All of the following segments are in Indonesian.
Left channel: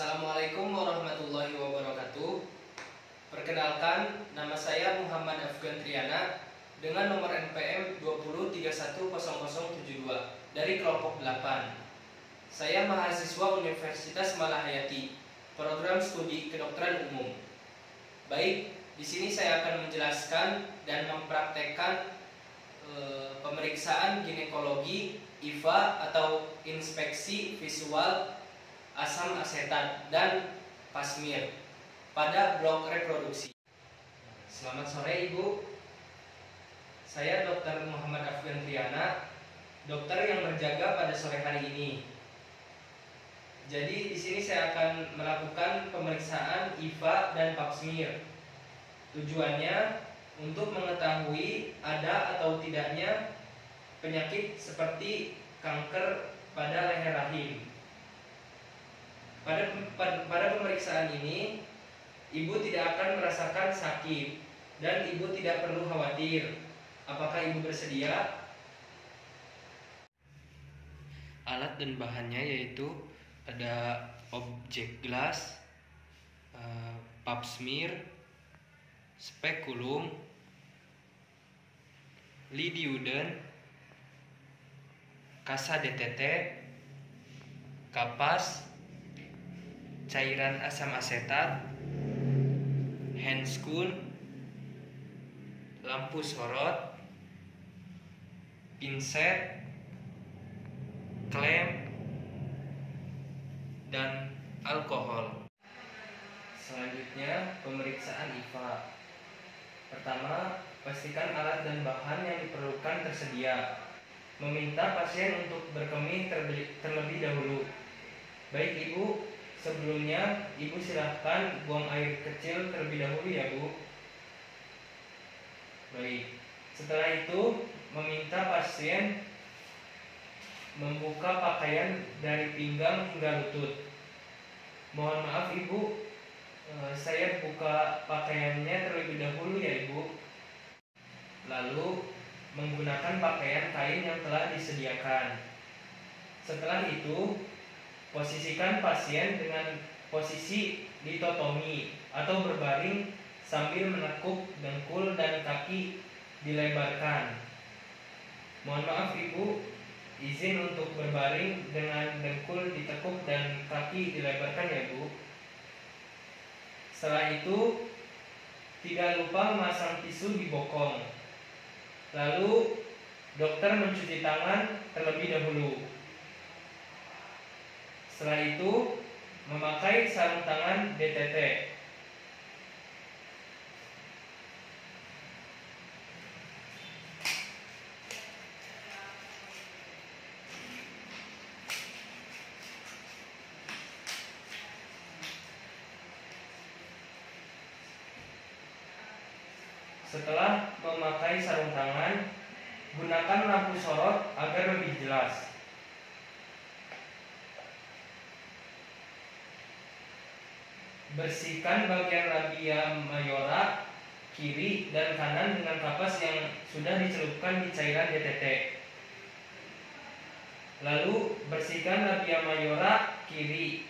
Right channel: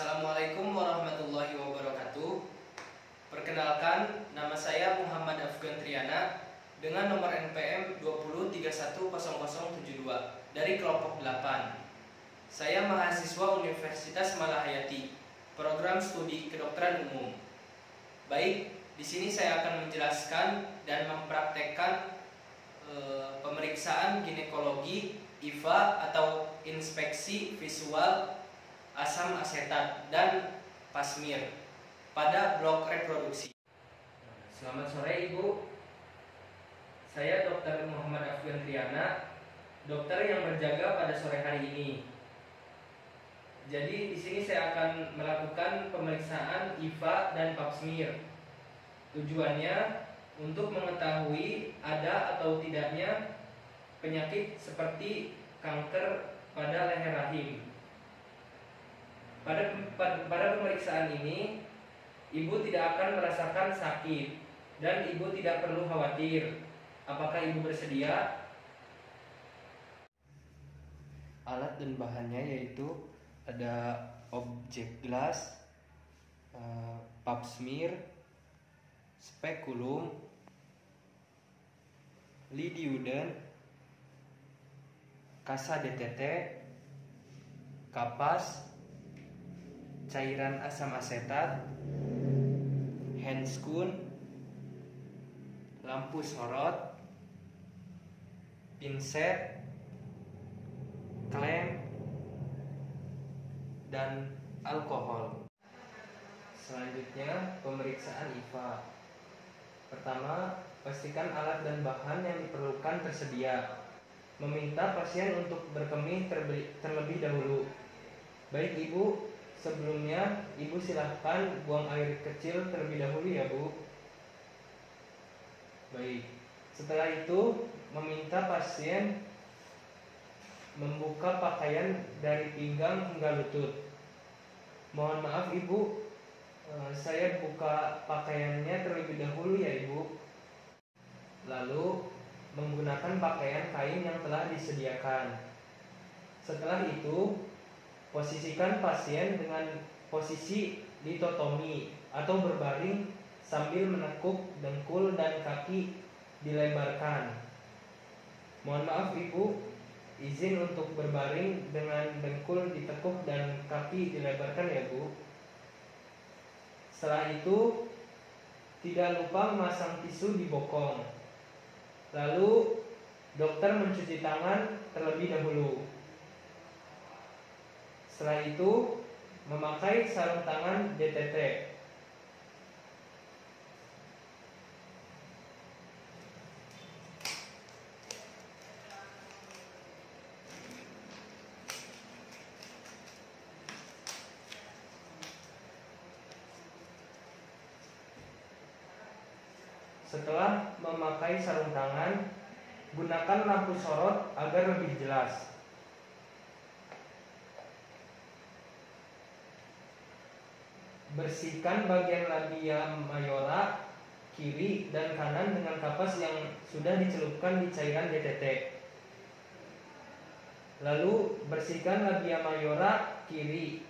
Assalamualaikum warahmatullahi wabarakatuh. Perkenalkan, nama saya Muhammad Afgan Triana dengan nomor NPM 20310072 dari kelompok 8. Saya mahasiswa Universitas Malahayati, program studi kedokteran umum. Baik, di sini saya akan menjelaskan dan mempraktekkan pemeriksaan ginekologi IVA atau inspeksi visual asam asetat dan pasmir pada blok reproduksi. Selamat sore Ibu. Saya Dr. Muhammad Afgan Triana, dokter yang berjaga pada sore hari ini. Jadi di sini saya akan melakukan pemeriksaan IVA dan pasmir. Tujuannya untuk mengetahui ada atau tidaknya penyakit seperti kanker pada leher rahim. Pada pemeriksaan ini, ibu tidak akan merasakan sakit dan ibu tidak perlu khawatir. Apakah ibu bersedia? Alat dan bahannya yaitu ada objek gelas, pap smear, spekulum, lidiuden, kasa DTT, kapas, cairan asam asetat, handscoon, lampu sorot, pinset, klem, dan alkohol. Selanjutnya, pemeriksaan IVA. Pertama, pastikan alat dan bahan yang diperlukan tersedia. Meminta pasien untuk berkemih terlebih dahulu. Baik Ibu, sebelumnya Ibu silahkan buang air kecil terlebih dahulu ya Bu. Baik, setelah itu meminta pasien membuka pakaian dari pinggang hingga lutut. Mohon maaf Ibu, saya buka pakaiannya terlebih dahulu ya Ibu. Lalu menggunakan pakaian kain yang telah disediakan. Setelah itu, posisikan pasien dengan posisi ditotomi atau berbaring sambil menekuk dengkul dan kaki dilebarkan. Mohon maaf Ibu, izin untuk berbaring dengan dengkul ditekuk dan kaki dilebarkan ya Bu. Setelah itu, tidak lupa memasang tisu di bokong. Lalu, dokter mencuci tangan terlebih dahulu. Setelah itu, memakai sarung tangan DTT. Setelah memakai sarung tangan, gunakan lampu sorot agar lebih jelas. Bersihkan bagian labia mayora kiri dan kanan dengan kapas yang sudah dicelupkan di cairan DTT. Lalu bersihkan labia mayora kiri.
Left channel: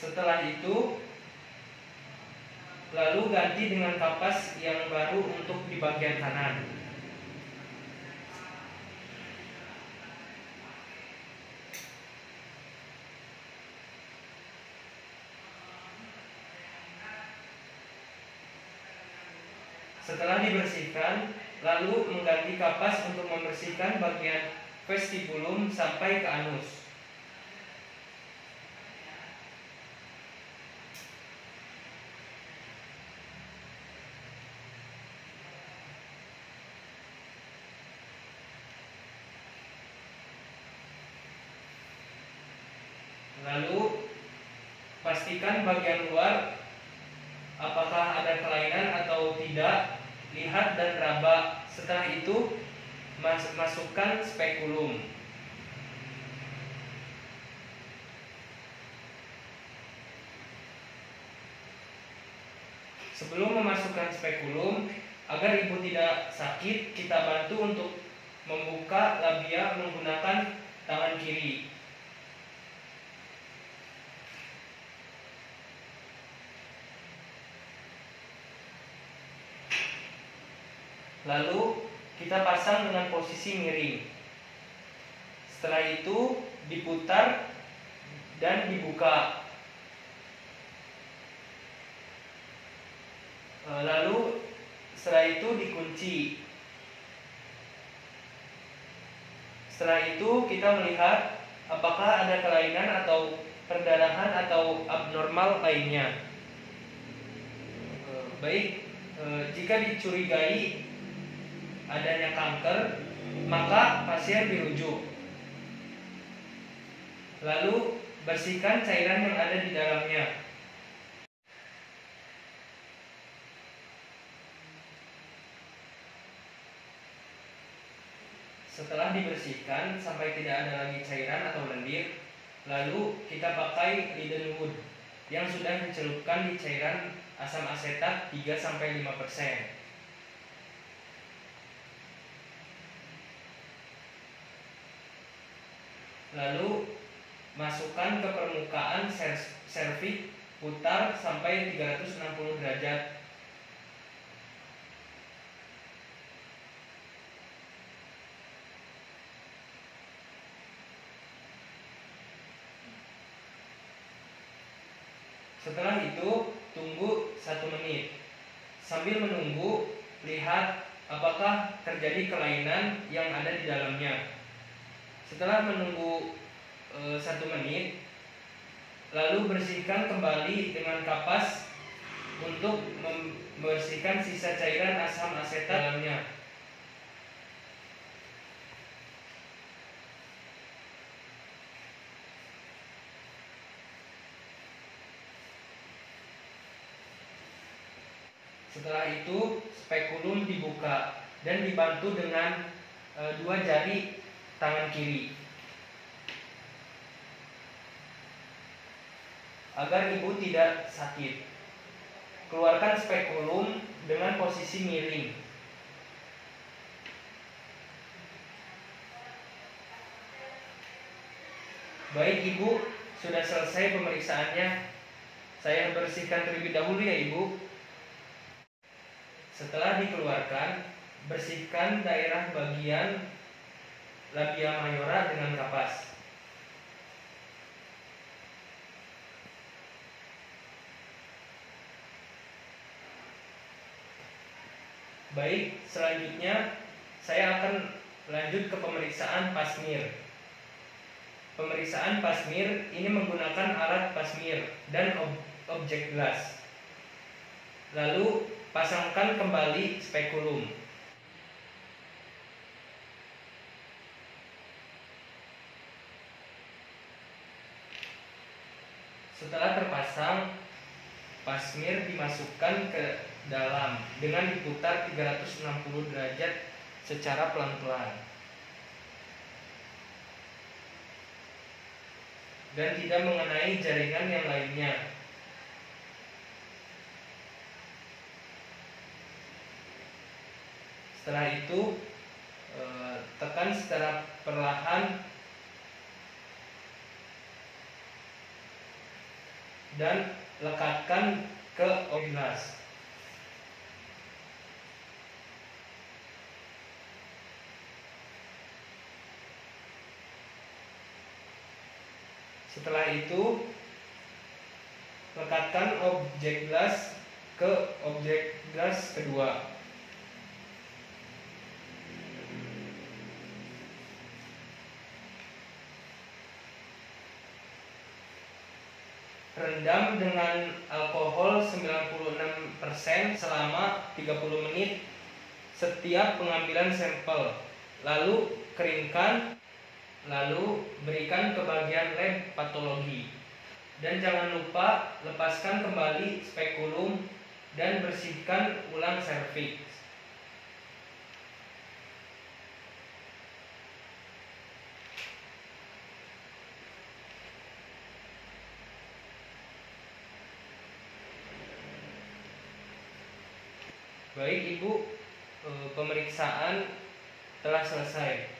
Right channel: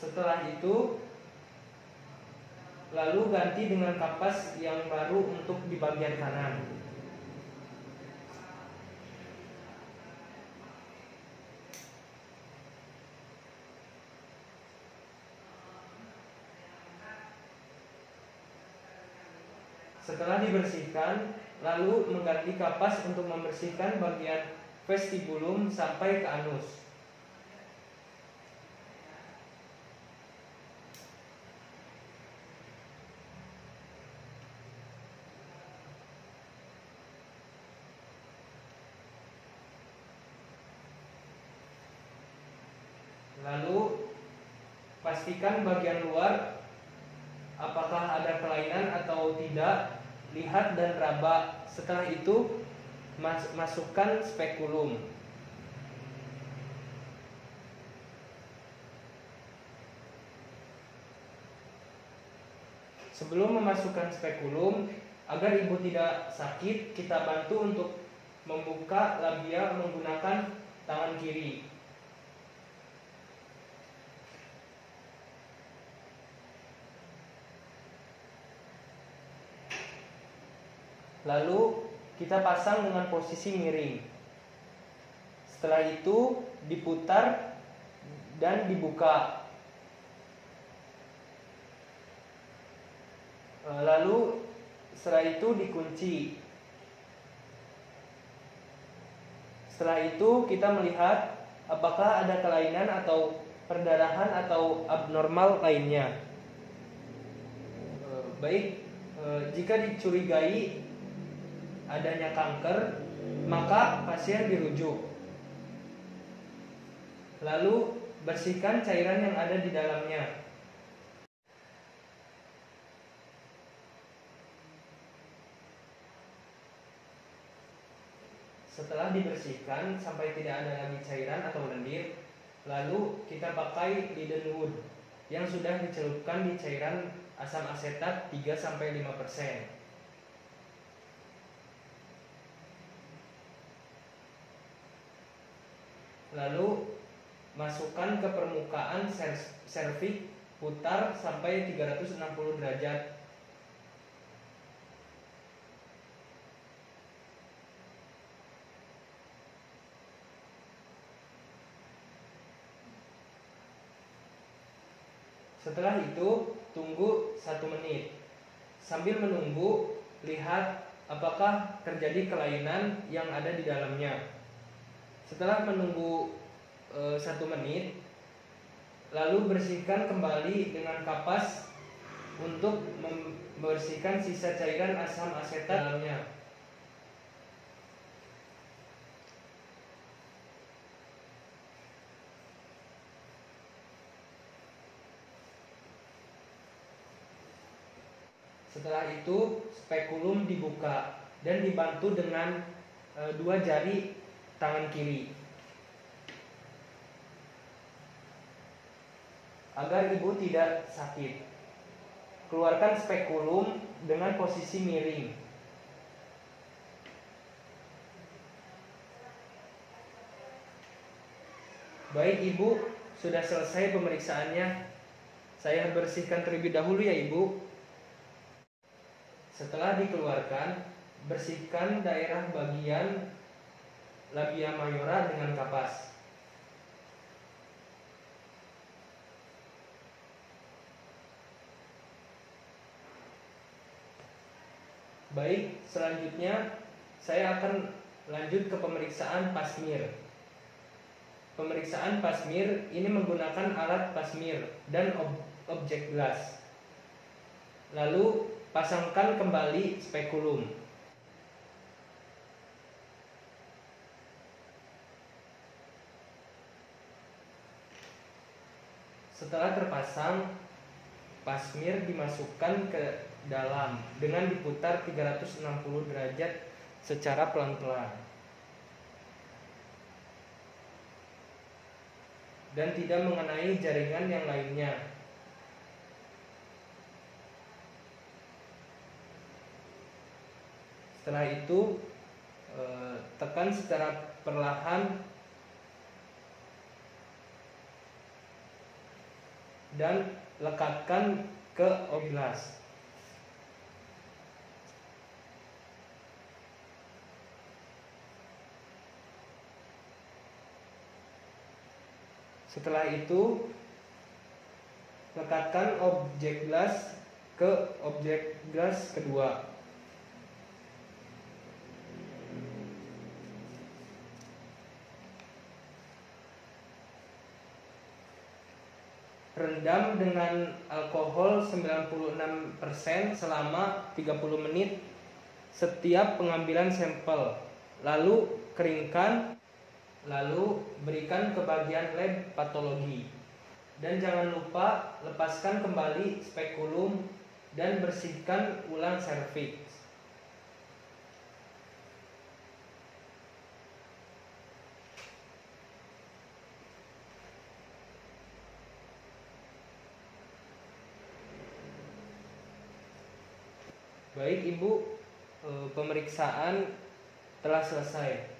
Setelah itu, lalu ganti dengan kapas yang baru untuk di bagian kanan. Setelah dibersihkan, lalu mengganti kapas untuk membersihkan bagian vestibulum sampai ke anus. Lalu pastikan bagian luar apakah ada kelainan atau tidak, lihat dan raba. Setelah itu masukkan spekulum. Sebelum memasukkan spekulum, agar ibu tidak sakit, kita bantu untuk membuka labia menggunakan tangan kiri. Lalu kita pasang dengan posisi miring. Setelah itu diputar dan dibuka. Lalu setelah itu dikunci. Setelah itu kita melihat apakah ada kelainan atau perdarahan atau abnormal lainnya. Baik, jika dicurigai adanya kanker, maka pasien dirujuk. Lalu bersihkan cairan yang ada di dalamnya. Setelah dibersihkan sampai tidak ada lagi cairan atau lendir, lalu kita pakai Lindenwood yang sudah dicelupkan di cairan asam asetat 3-5%. Lalu masukkan ke permukaan serviks, putar sampai 360 derajat. Setelah itu tunggu 1 menit. Sambil menunggu, lihat apakah terjadi kelainan yang ada di dalamnya. Setelah menunggu 1 menit, lalu bersihkan kembali dengan kapas untuk membersihkan sisa cairan asam asetat dalamnya. Setelah itu spekulum dibuka dan dibantu dengan 2 jari tangan kiri agar ibu tidak sakit. Keluarkan spekulum dengan posisi miring. Baik ibu, sudah selesai pemeriksaannya. Saya bersihkan terlebih dahulu ya ibu. Setelah dikeluarkan, bersihkan daerah bagian labia mayora dengan kapas. Baik, selanjutnya saya akan lanjut ke pemeriksaan pasmir. Pemeriksaan pasmir ini menggunakan alat pasmir dan objek gelas. Lalu pasangkan kembali spekulum. Setelah terpasang, pasmir dimasukkan ke dalam dengan diputar 360 derajat secara pelan-pelan dan tidak mengenai jaringan yang lainnya. Setelah itu tekan secara perlahan dan lekatkan ke gelas. Setelah itu lekatkan objek gelas ke objek gelas kedua. Rendam dengan alkohol 96% selama 30 menit setiap pengambilan sampel. Lalu keringkan, lalu berikan ke bagian lab patologi. Dan jangan lupa lepaskan kembali spekulum dan bersihkan ulang serviks. Baik Ibu, pemeriksaan telah selesai.